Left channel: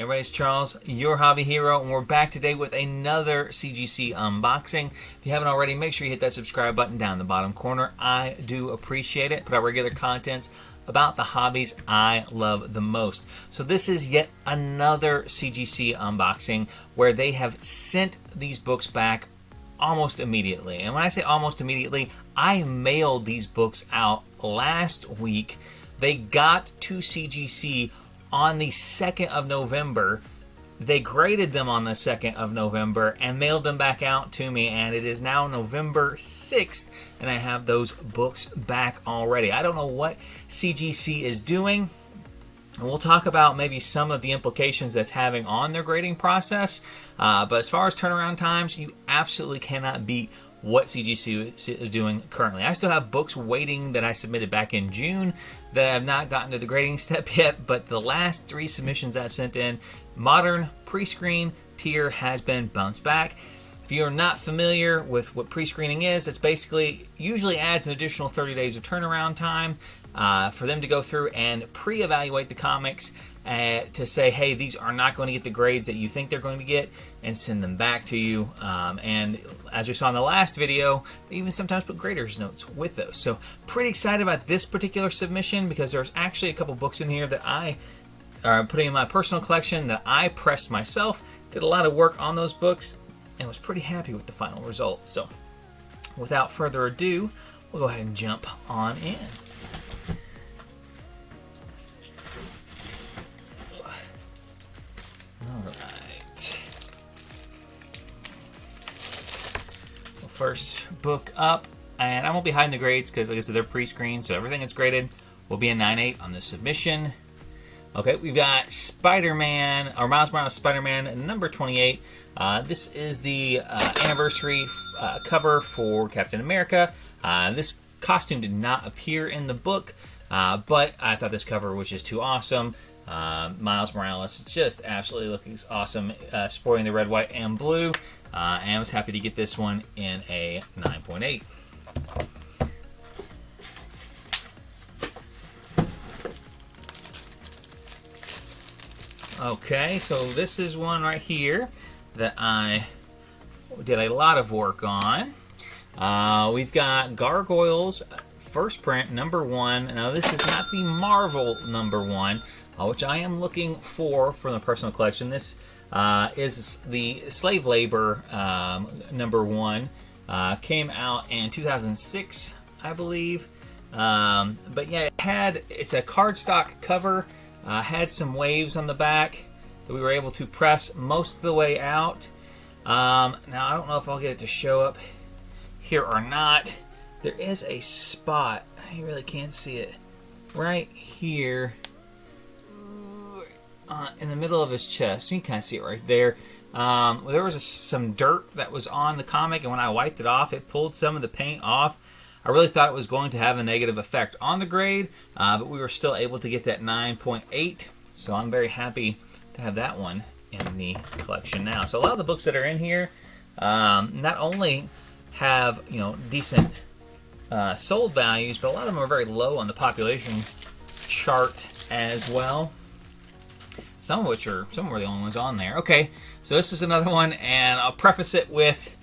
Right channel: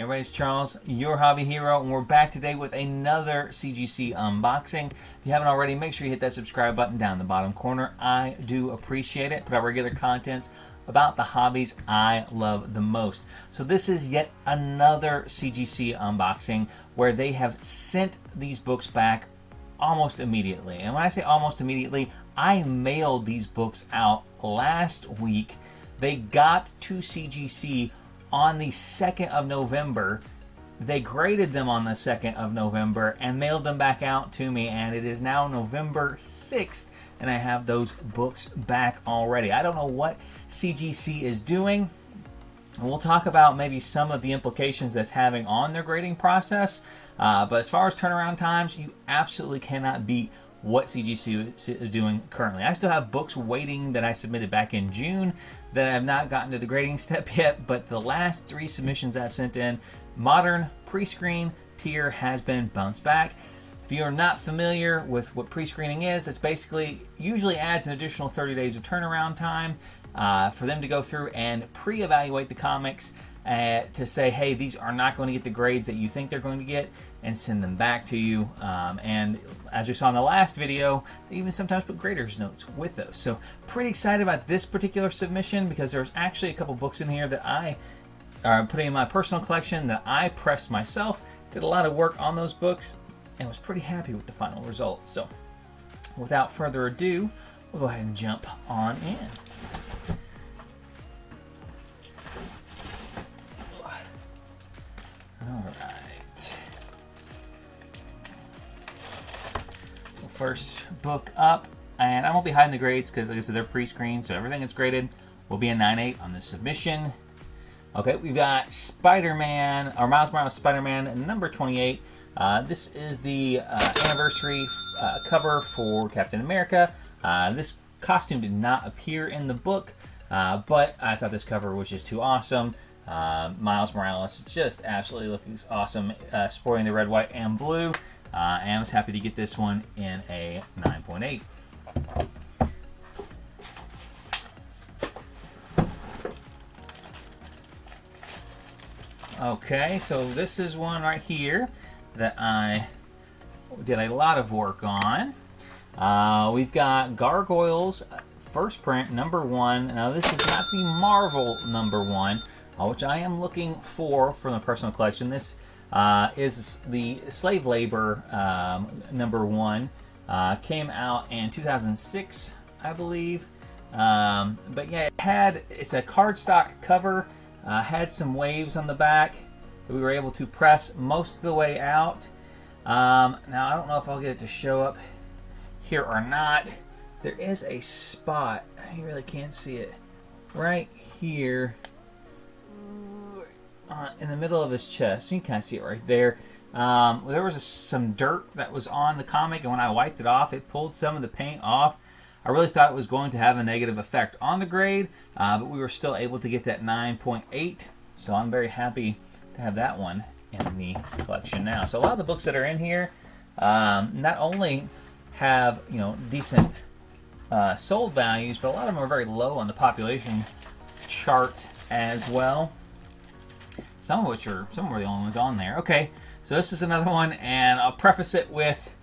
Hey everybody, it's Charles, your hobby hero, and we're back today with another CGC unboxing. If you haven't already, make sure you hit that subscribe button down in the bottom corner. I do appreciate it. Put out regular contents about the hobbies I love the most. So this is yet another CGC unboxing where they have sent these books back almost immediately. And when I say almost immediately, I mailed these books out last week. They got to CGC on the 2nd of November. They graded them on the 2nd of November and mailed them back out to me, and it is now November 6th, and I have those books back already. I don't know what CGC is doing, and we'll talk about maybe some of the implications that's having on their grading process, but as far as turnaround times, you absolutely cannot beat what CGC is doing currently. I still have books waiting that I submitted back in June that I have not gotten to the grading step yet, but the last 3 submissions I've sent in, modern pre-screen tier has been bounced back. If you are not familiar with what pre-screening is, it's basically usually adds an additional 30 days of turnaround time for them to go through and pre-evaluate the comics to say, hey, these are not going to get the grades that you think they're going to get, and send them back to you. And as we saw in the last video, they even sometimes put graders notes with those. So pretty excited about this particular submission because there's actually a couple books in here that I are putting in my personal collection that I pressed myself, did a lot of work on those books, and was pretty happy with the final result. So without further ado, we'll go ahead and jump on in. Alright. First book up, and I won't be hiding the grades because, like I said, they're pre-screened, so everything that's graded will be a 9.8 on this submission. Okay, we've got Spider-Man, or Miles Morales Spider-Man number 28. This is the anniversary cover for Captain America. This costume did not appear in the book, but I thought this cover was just too awesome. Miles Morales just absolutely looking awesome, sporting the red, white, and blue. And I was happy to get this one in a 9.8. Okay, so this is one right here that I did a lot of work on. We've got Gargoyles first print number 1. Now this is not the Marvel number 1, which I am looking for from the personal collection. This is the slave labor number 1. Came out in 2006, I believe. But yeah, it's a cardstock cover. Had some waves on the back that we were able to press most of the way out. Now I don't know if I'll get it to show up here or not. There is a spot, you really can't see it, right here in the middle of his chest. You can kind of see it right there. There was some dirt that was on the comic, and when I wiped it off, it pulled some of the paint off. I really thought it was going to have a negative effect on the grade, but we were still able to get that 9.8, so I'm very happy to have that one in the collection now. So a lot of the books that are in here not only have, you know, decent sold values, but a lot of them are very low on the population chart as well. Some were the only ones on there. Okay, so this is another one, and I'll preface it with,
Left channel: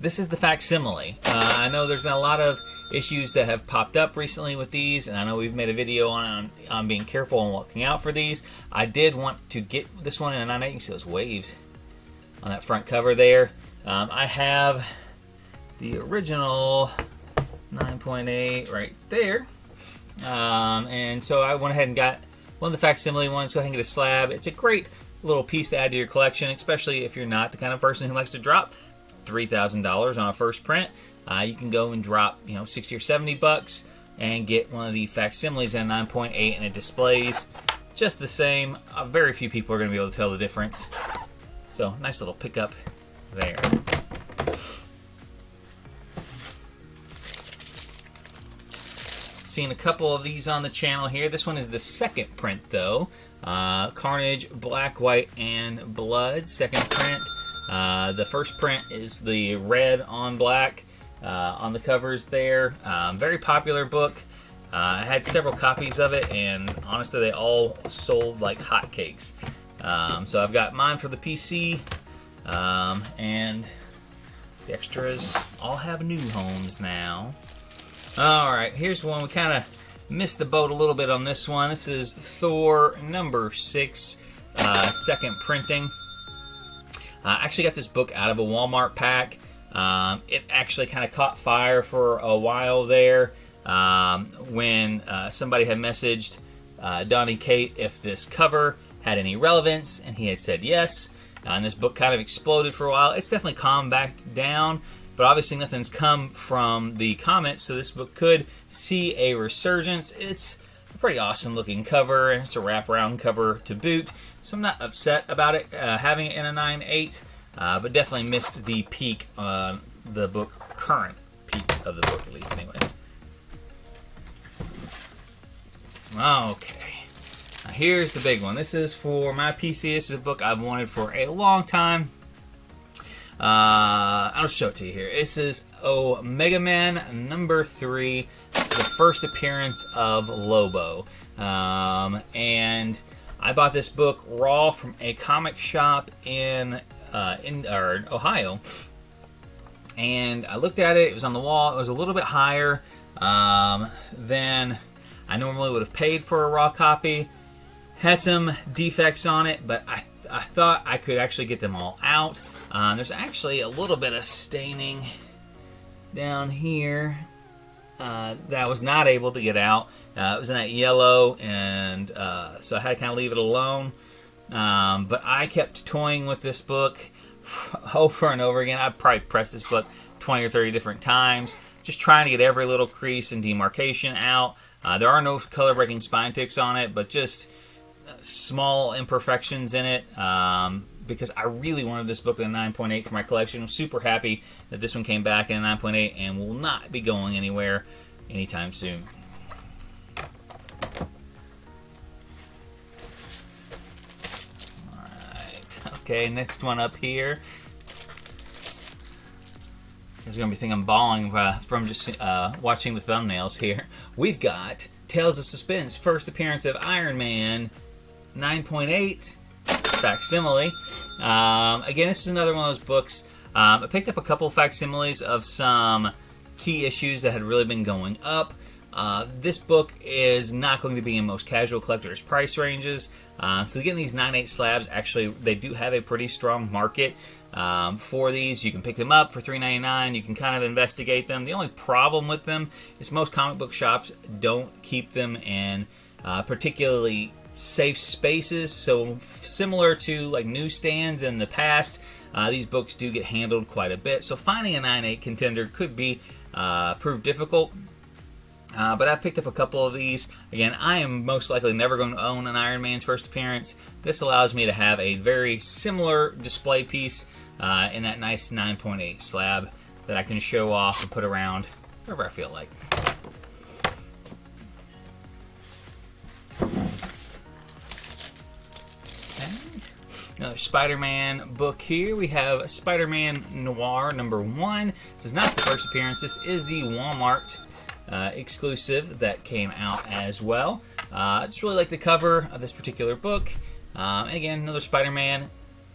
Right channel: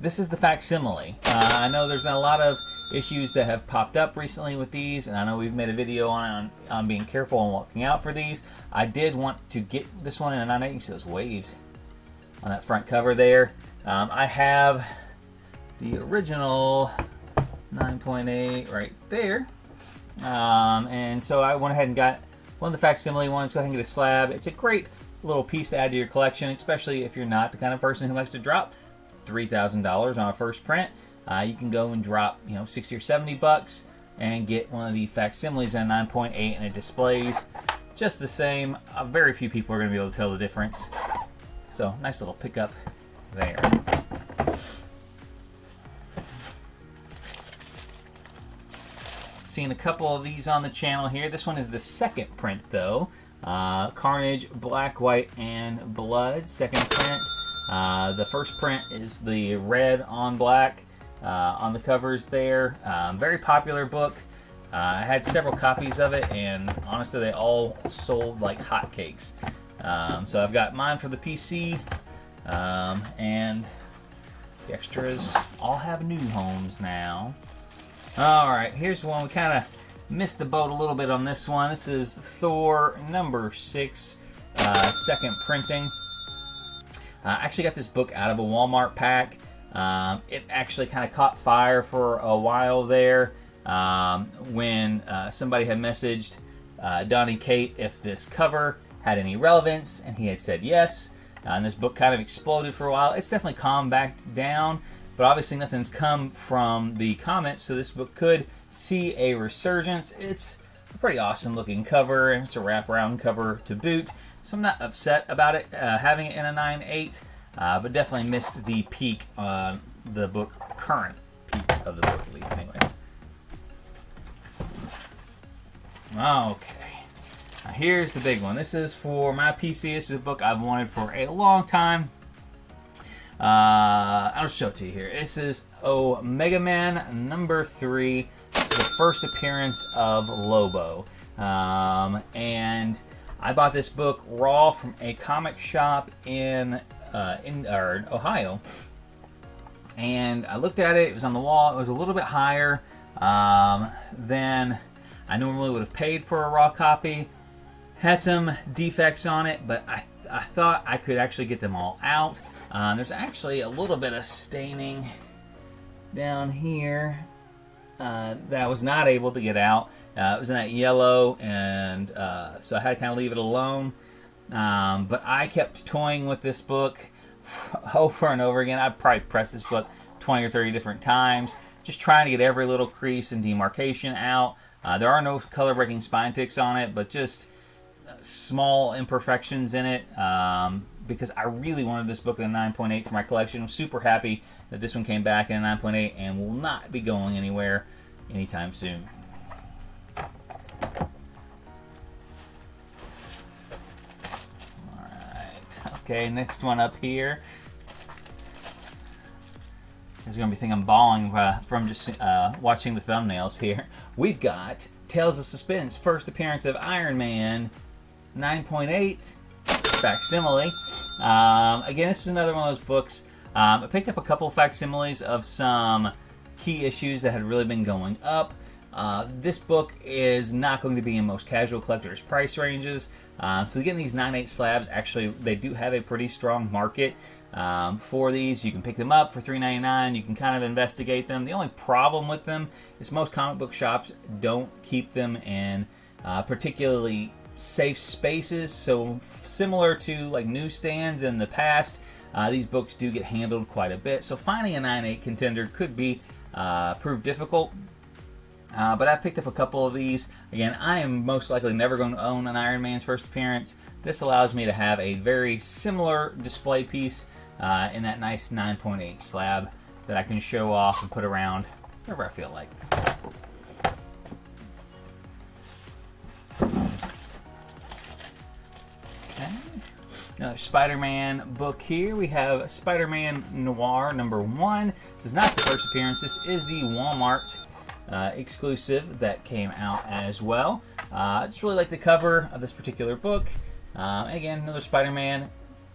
this is the facsimile. I know there's been a lot of issues that have popped up recently with these, and I know we've made a video on being careful and looking out for these. I did want to get this one in a 9.8. You can see those waves on that front cover there. I have the original 9.8 right there, and so I went ahead and got one of the facsimile ones. Go ahead and get a slab. It's a great little piece to add to your collection, especially if you're not the kind of person who likes to drop $3,000 on a first print. You can go and drop, you know, 60 or 70 bucks and get one of the facsimiles at 9.8, and it displays just the same. Very few people are going to be able to tell the difference. So nice little pickup there. Seen a couple of these on the channel here. This one is the second print though. Carnage, Black, White, and Blood, second print. The first print is the red on black on the covers there. Very popular book. I had several copies of it, and honestly, they all sold like hotcakes. So I've got mine for the PC, and the extras all have new homes now. Alright, here's one. We kind of missed the boat a little bit on this one. This is Thor #6, second printing. I actually got this book out of a Walmart pack. It actually kind of caught fire for a while there when somebody had messaged Donnie Kate if this cover had any relevance, and he had said yes. And this book kind of exploded for a while. It's definitely calmed back down, but obviously nothing's come from the comments, so this book could see a resurgence. It's a pretty awesome looking cover, and it's a wraparound cover to boot, so I'm not upset about it having it in a 9.8, but definitely missed the peak on the book, current peak of the book at least anyways. Okay. Now here's the big one. This is for my PC. This is a book I've wanted for a long time. I'll show it to you here. This is Omega Man #3. This is the first appearance of Lobo. And I bought this book raw from a comic shop in Ohio. And I looked at it. It was on the wall. It was a little bit higher than I normally would have paid for a raw copy. Had some defects on it, but I thought I could actually get them all out. There's actually a little bit of staining down here that I was not able to get out. It was in that yellow, and so I had to kind of leave it alone. But I kept toying with this book over and over again. I'd probably press this book 20 or 30 different times, just trying to get every little crease and demarcation out. There are no color-breaking spine ticks on it, but just small imperfections in it, because I really wanted this book in a 9.8 for my collection. I'm super happy that this one came back in a 9.8 and will not be going anywhere anytime soon. Alright, okay, next one up here. There's going to be a thing I'm bawling from just watching the thumbnails here. We've got Tales of Suspense, first appearance of Iron Man 9.8 Facsimile. Again, this is another one of those books. I picked up a couple of facsimiles of some key issues that had really been going up. This book is not going to be in most casual collectors' price ranges. So getting these 9.8 slabs, actually, they do have a pretty strong market for these. You can pick them up for $3.99. You can kind of investigate them. The only problem with them is most comic book shops don't keep them in particularly safe spaces. So similar to like newsstands in the past, these books do get handled quite a bit. So finding a 9.8 contender could be prove difficult. But I've picked up a couple of these. Again, I am most likely never going to own an Iron Man's first appearance. This allows me to have a very similar display piece in that nice 9.8 slab that I can show off and put around wherever I feel like. Okay. Another Spider-Man book here. We have Spider-Man Noir #1. This is not the first appearance. This is the Walmart exclusive that came out as well. I just really like the cover of this particular book. Again, another Spider-Man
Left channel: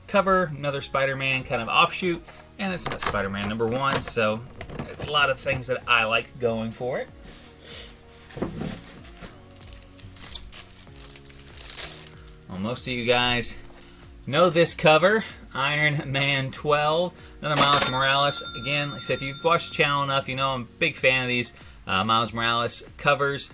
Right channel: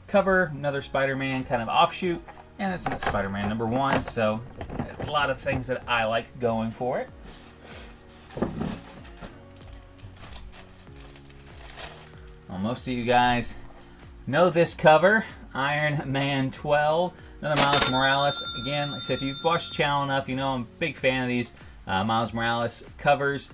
cover, another Spider-Man kind of offshoot, and it's another Spider-Man #1, so a lot of things that I like going for it. Well, most of you guys know this cover, Iron Man 12, another Miles Morales. Again, like I said, if you've watched the channel enough, you know I'm a big fan of these Miles Morales covers.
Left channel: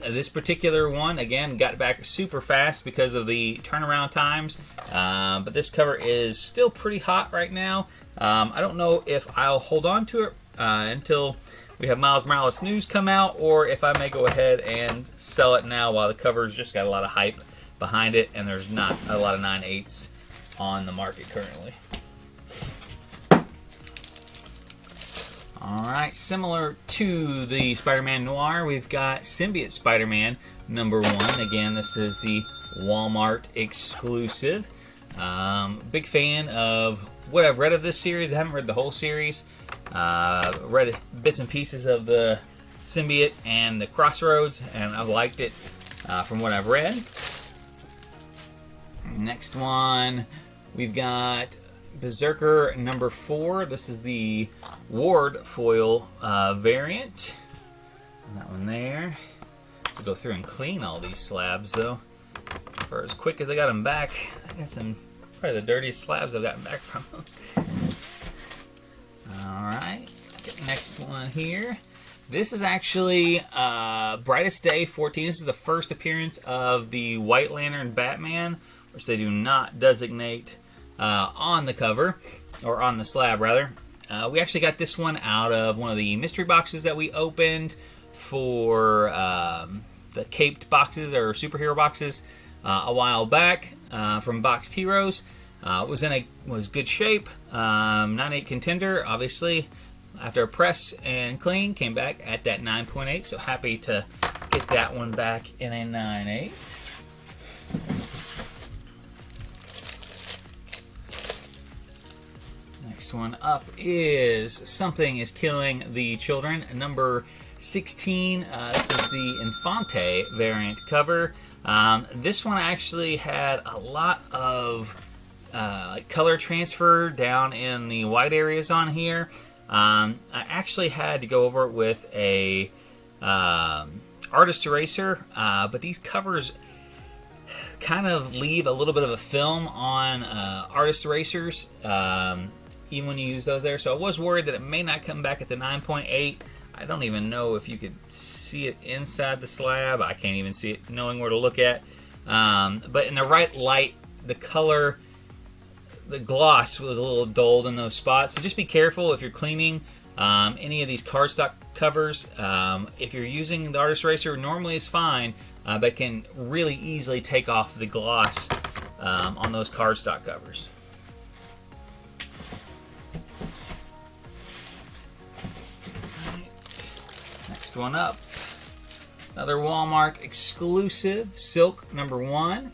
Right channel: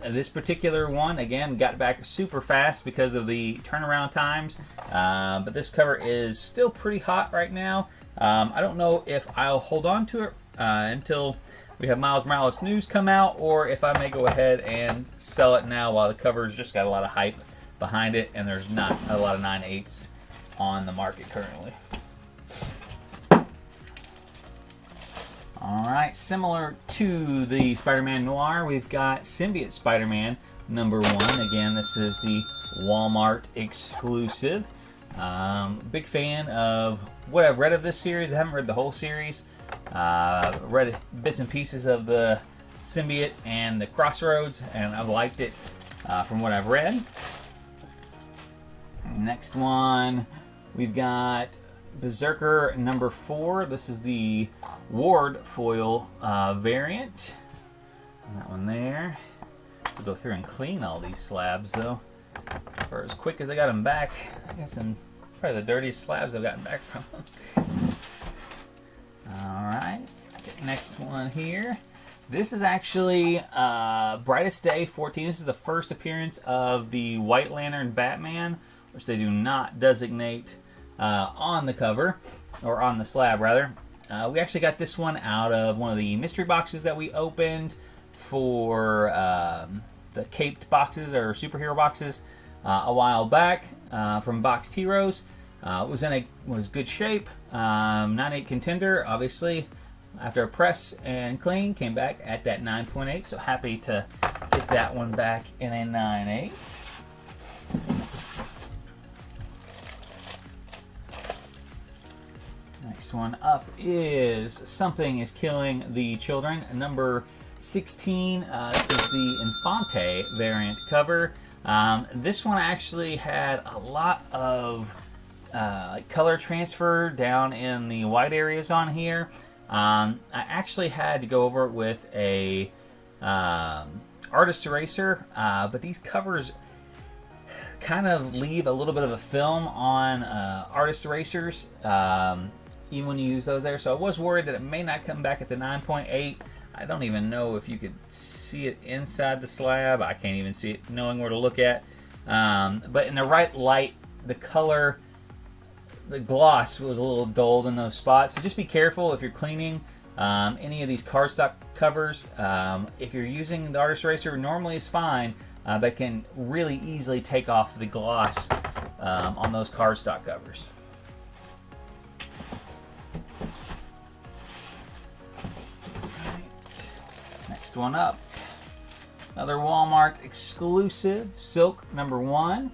This particular one, again, got back super fast because of the turnaround times, but this cover is still pretty hot right now. I don't know if I'll hold on to it until we have Miles Morales news come out, or if I may go ahead and sell it now while the cover's just got a lot of hype behind it and there's not a lot of 9.8s on the market currently. Alright, similar to the Spider-Man Noir, we've got Symbiote Spider-Man #1. Again, this is the Walmart exclusive. Big fan of what I've read of this series. I haven't read the whole series. Read bits and pieces of the Symbiote and the Crossroads, and I've liked it from what I've read. Next one, we've got Berserker number 4. This is the Ward foil variant. And that one there. I'll go through and clean all these slabs though. For as quick as I got them back, I got some probably the dirtiest slabs I've gotten back from them. Alright, next one here. This is actually Brightest Day 14. This is the first appearance of the White Lantern Batman, which they do not designate on the cover, or on the slab rather. We actually got this one out of one of the mystery boxes that we opened for the caped boxes or superhero boxes a while back from Boxed Heroes. Was good shape. 9.8 contender, obviously. After a press and clean, came back at that 9.8. So happy to get that one back in a 9.8. Next one up is Something is Killing the Children, number 16. This is the Infante variant cover. This one actually had a lot of color transfer down in the white areas on here. I actually had to go over it with a artist eraser, but these covers kind of leave a little bit of a film on artist erasers, even when you use those there. So I was worried that it may not come back at the 9.8. I don't even know if you could see it inside the slab. I can't even see it knowing where to look at. But in the right light, the color, the gloss was a little dulled in those spots. So just be careful if you're cleaning any of these cardstock covers. If you're using the artist eraser, normally it's fine, but can really easily take off the gloss on those cardstock covers. Next one up, another Walmart exclusive, Silk number 1.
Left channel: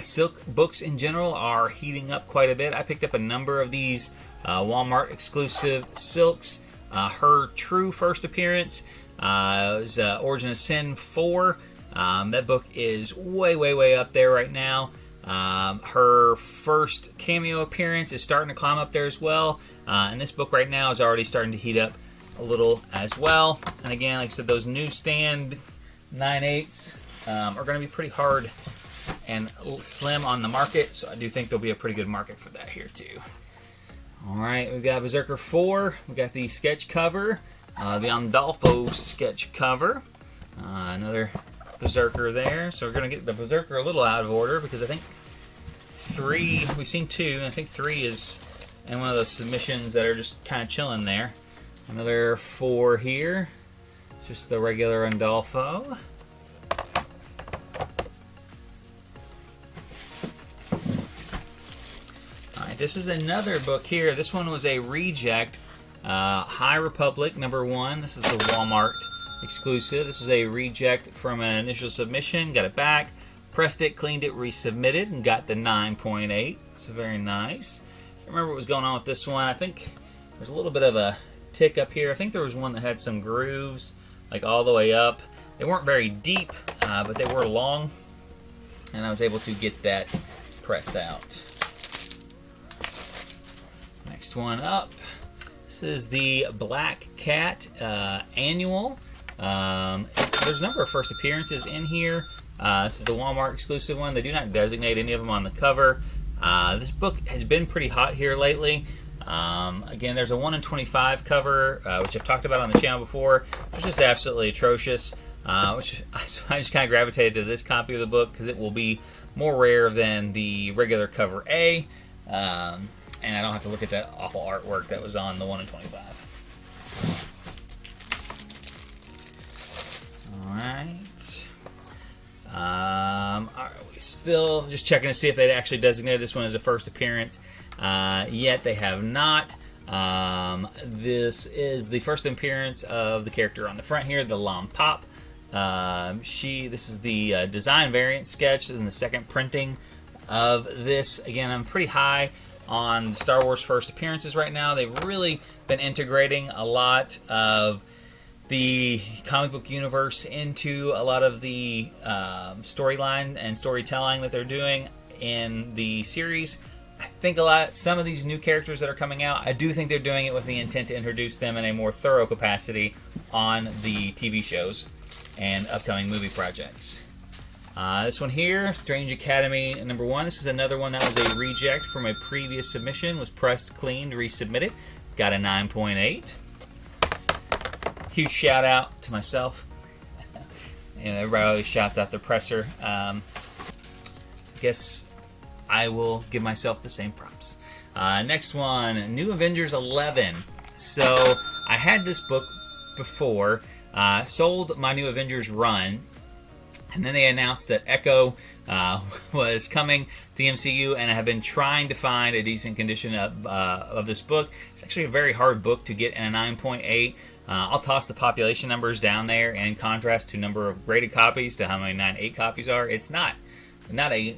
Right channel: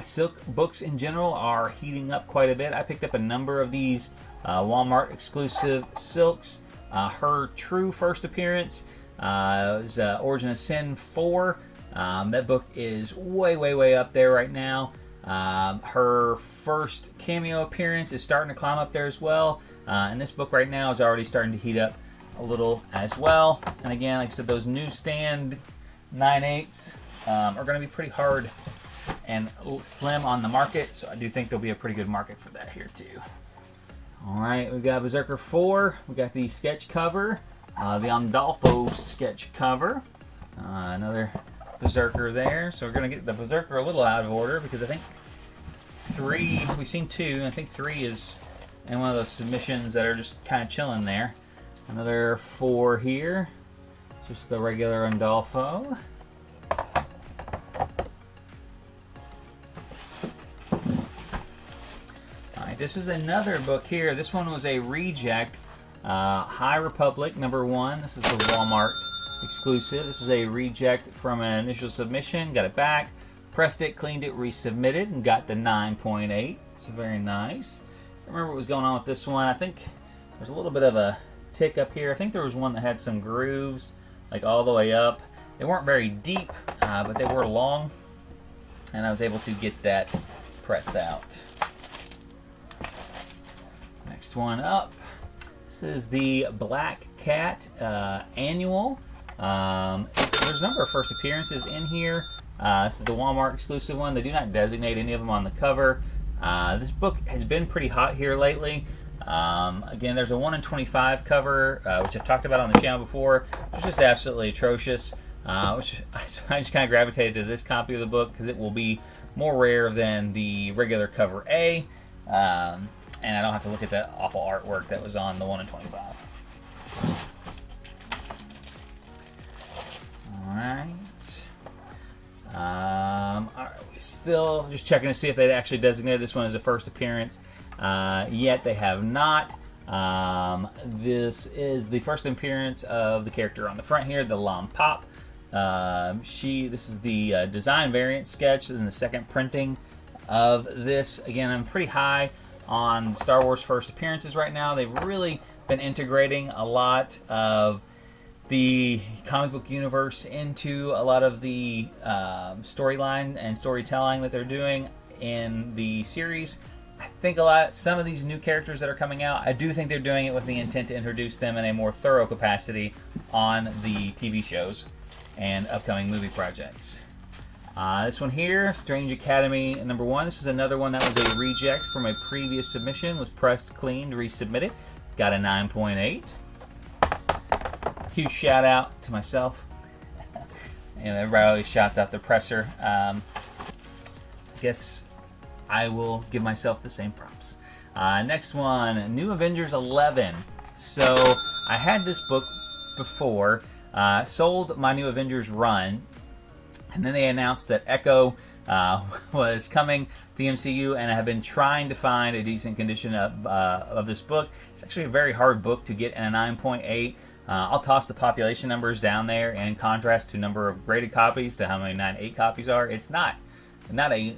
Silk books in general are heating up quite a bit. I picked up a number of these Walmart exclusive Silks. Her true first appearance was Origin of Sin 4. That book is way up there right now. Her first cameo appearance is starting to climb up there as well. And this book right now is already starting to heat up a little as well. And again, like I said, those newsstand 9/8s are going to be pretty hard and slim on the market, so I do think there'll be a pretty good market for that here too. Alright, we got Berserker 4, we got the sketch cover, the Andolfo sketch cover, another Berserker there. So we're going to get the Berserker a little out of order because I think 3, we've seen 2, and I think 3 is in one of those submissions that are just kind of chilling there. Another 4 here, just the regular Andolfo. This is another book here. This one was a reject. High Republic number 1. This is the Walmart exclusive. This is a reject from an initial submission. Got it back, pressed it, cleaned it, resubmitted, and got the 9.8. So very nice. Can't remember what was going on with this one. I think there's a little bit of a tick up here. I think there was one that had some grooves, like all the way up. They weren't very deep, but they were long, and I was able to get that pressed out. Next one up, this is the Black Cat annual. There's a number of first appearances in here. This is the Walmart exclusive one. They do not designate any of them on the cover. This book has been pretty hot here lately. Again, there's a 1 in 25 cover, which I've talked about on the channel before, which is absolutely atrocious. So I just kind of gravitated to this copy of the book because it will be more rare than the regular cover A. And I don't have to look at that awful artwork that was on the 1 in 25. Alright. Alright, we still just checking to see if they actually designated this one as a first appearance. Yet they have not. This is the first appearance of the character on the front here, the Lam Pop. This is the design variant sketch. This is the second printing of this. Again, I'm pretty high on Star Wars first appearances right now. They've really been integrating a lot of the comic book universe into a lot of the storyline and storytelling that they're doing in the series. I think some of these new characters that are coming out, I do think they're doing it with the intent to introduce them in a more thorough capacity on the TV shows and upcoming movie projects. This one here, Strange Academy #1. This is another one that was a reject from a previous submission. Was pressed clean to resubmit it. Got a 9.8. Huge shout out to myself. And everybody always shouts out the presser. Guess I will give myself the same props. Next one, New Avengers 11. So I had this book before, sold my New Avengers run, and then they announced that Echo was coming to the MCU, and I have been trying to find a decent condition of this book. It's actually a very hard book to get in a 9.8. I'll toss the population numbers down there in contrast to number of graded copies to how many 9.8 copies are. It's not a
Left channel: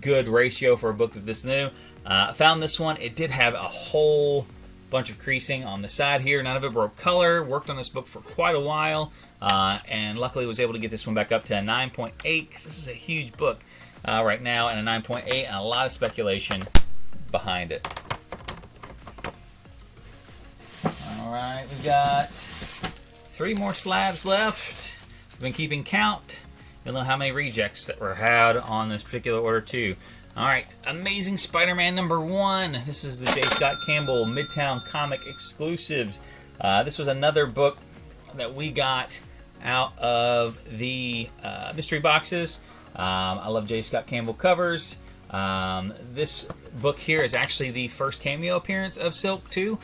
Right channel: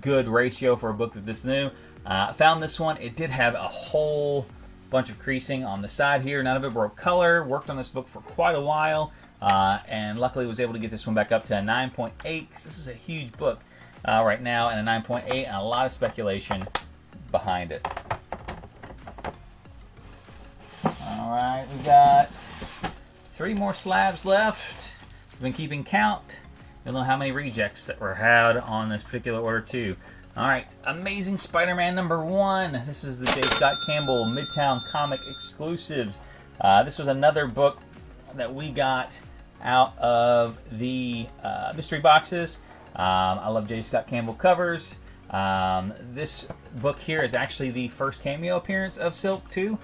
good ratio for a book that this new. Found this one. It did have a whole bunch of creasing on the side here. None of it broke color. Worked on this book for quite a while, and luckily was able to get this one back up to a 9.8 because this is a huge book right now, and a 9.8 and a lot of speculation behind it. All right, we got 3 more slabs left. We've been keeping count. Don't know how many rejects that were had on this particular order too. All right, Amazing Spider-Man #1. This is the J. Scott Campbell Midtown Comic exclusives. This was another book that we got out of the mystery boxes. I love J. Scott Campbell covers. This book here is actually the first cameo appearance of Silk too,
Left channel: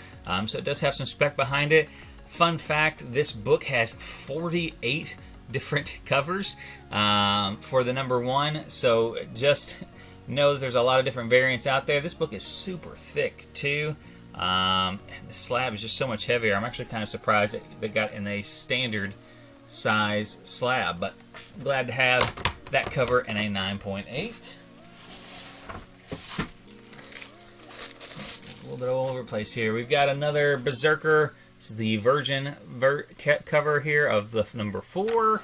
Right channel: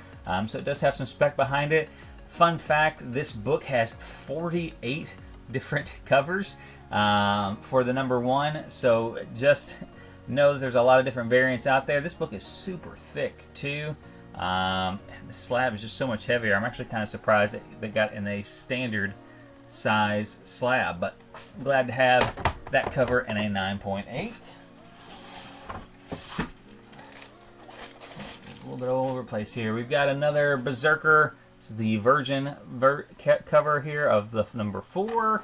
so it does have some spec behind it. Fun fact, this book has 48 different covers for the #1, so just know that there's a lot of different variants out there. This book is super thick too. The slab is just so much heavier. I'm actually kind of surprised that they got in a standard size slab, but I'm glad to have that cover in a 9.8. A little bit all over the place here. We've got another Berserker. This is the Virgin cover here of the #4.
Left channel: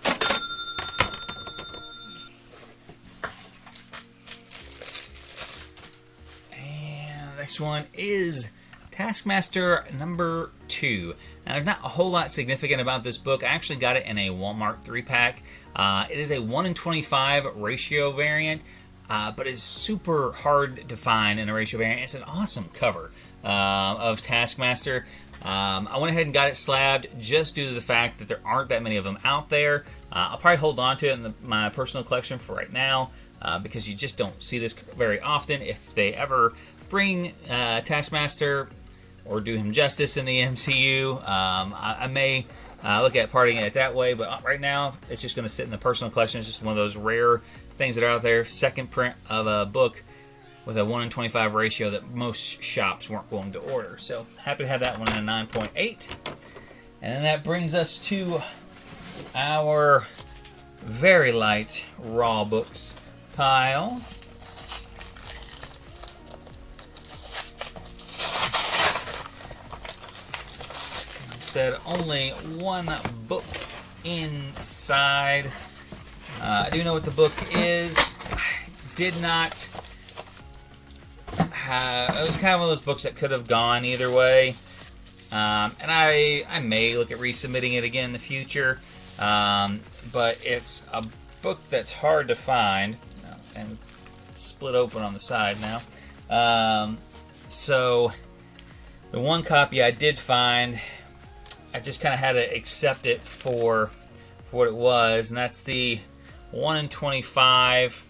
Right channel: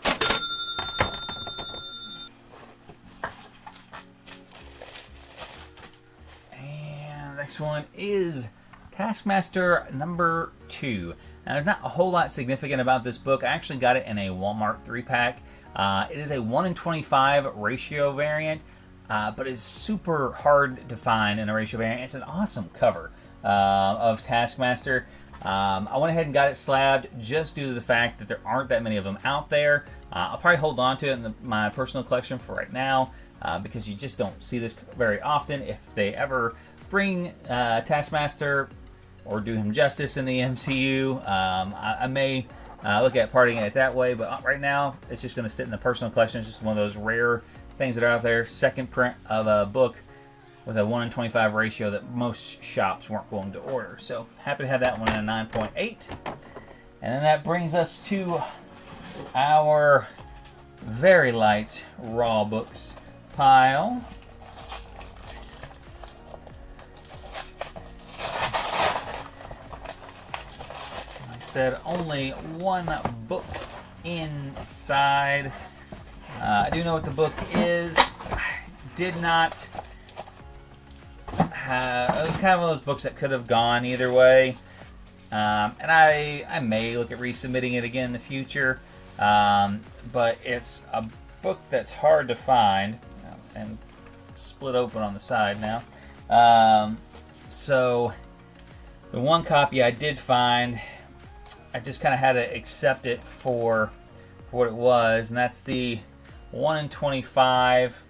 And the next one is Taskmaster #2. Now, there's not a whole lot significant about this book. I actually got it in a Walmart 3-pack. It is a 1:25 ratio variant, but it's super hard to find in a ratio variant. It's an awesome cover of Taskmaster. I went ahead and got it slabbed just due to the fact that there aren't that many of them out there. I'll probably hold on to it in my personal collection for right now because you just don't see this very often. If they ever bring Taskmaster or do him justice in the MCU, I may look at parting it that way, but right now it's just going to sit in the personal collection. It's just one of those rare things that are out there. Second print of a book with a 1:25 ratio that most shops weren't willing to order. So happy to have that one in a 9.8. And then that brings us to our very light raw books pile. Said only one book inside. I do know what the book is. I did not. It was kind of one of those books that could have gone either way, and I may look at resubmitting it again in the future. But it's a book that's hard to find, and split open on the side now. So the one copy I did find, I just kind of had to accept it for what it was, and that's the 1:25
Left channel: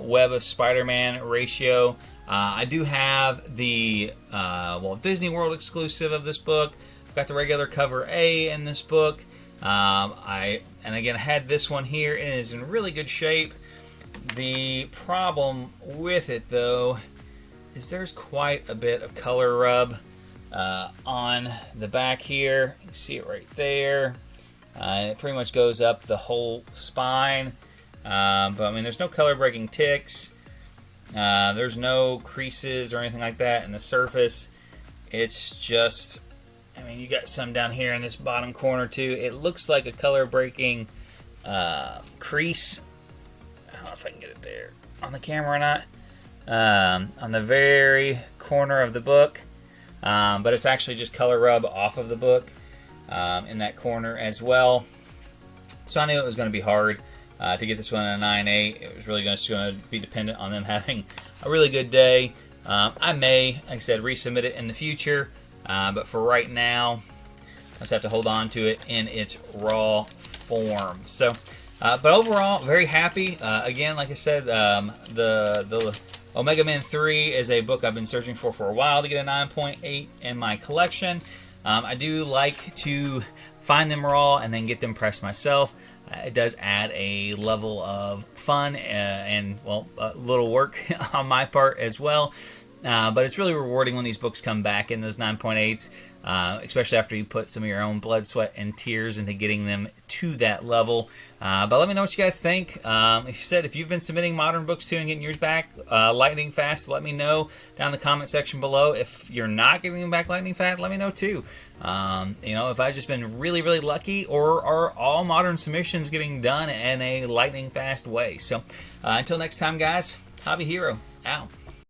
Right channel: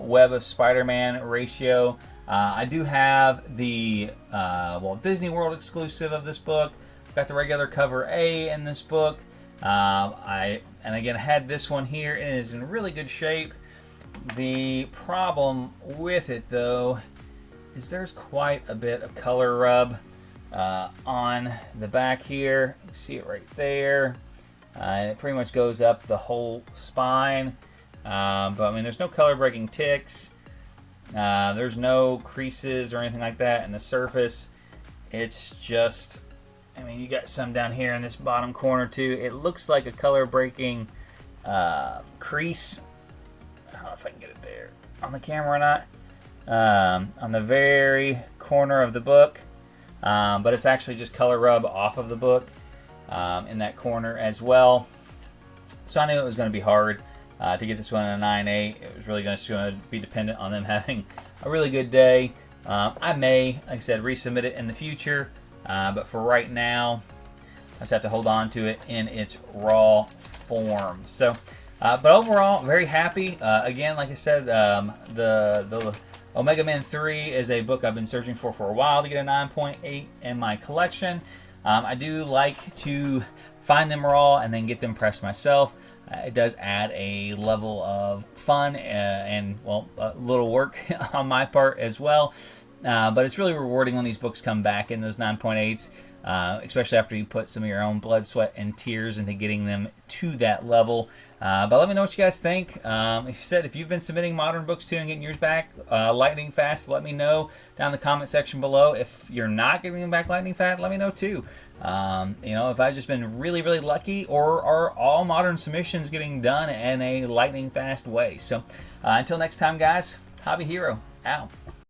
Web of Spider-Man ratio. I do have the Walt Disney World exclusive of this book. I've got the regular cover A in this book. And again, I had this one here, and it is in really good shape. The problem with it, though, is there's quite a bit of color rub on the back here. You can see it right there. And it pretty much goes up the whole spine. But I mean, there's no color breaking ticks. There's no creases or anything like that in the surface. It's just, I mean, you got some down here in this bottom corner too. It looks like a color breaking crease. I don't know if I can get it there. on the camera or not. On the very corner of the book, but it's actually just color rub off of the book in that corner as well. So I knew it was going to be hard to get this one in a 9.8. It was really just going to be dependent on them having a really good day. I may, like I said, resubmit it in the future, but for right now, I just have to hold on to it in its raw form. So, but overall, very happy. Again, like I said, the Omega Man 3 is a book I've been searching for a while to get a 9.8 in my collection. I do like to find them raw and then get them pressed myself. It does add a level of fun and, well, a little work on my part as well. But it's really rewarding when these books come back in those 9.8s, especially after you put some of your own blood, sweat, and tears into getting them to that level. But let me know what you guys think. If you've been submitting modern books too and getting yours back lightning fast, let me know down in the comment section below. If you're not getting them back lightning fast, let me know too. If I've just been really, really lucky, or are all modern submissions getting done in a lightning fast way. So until next time, guys, Hobby Hero, out.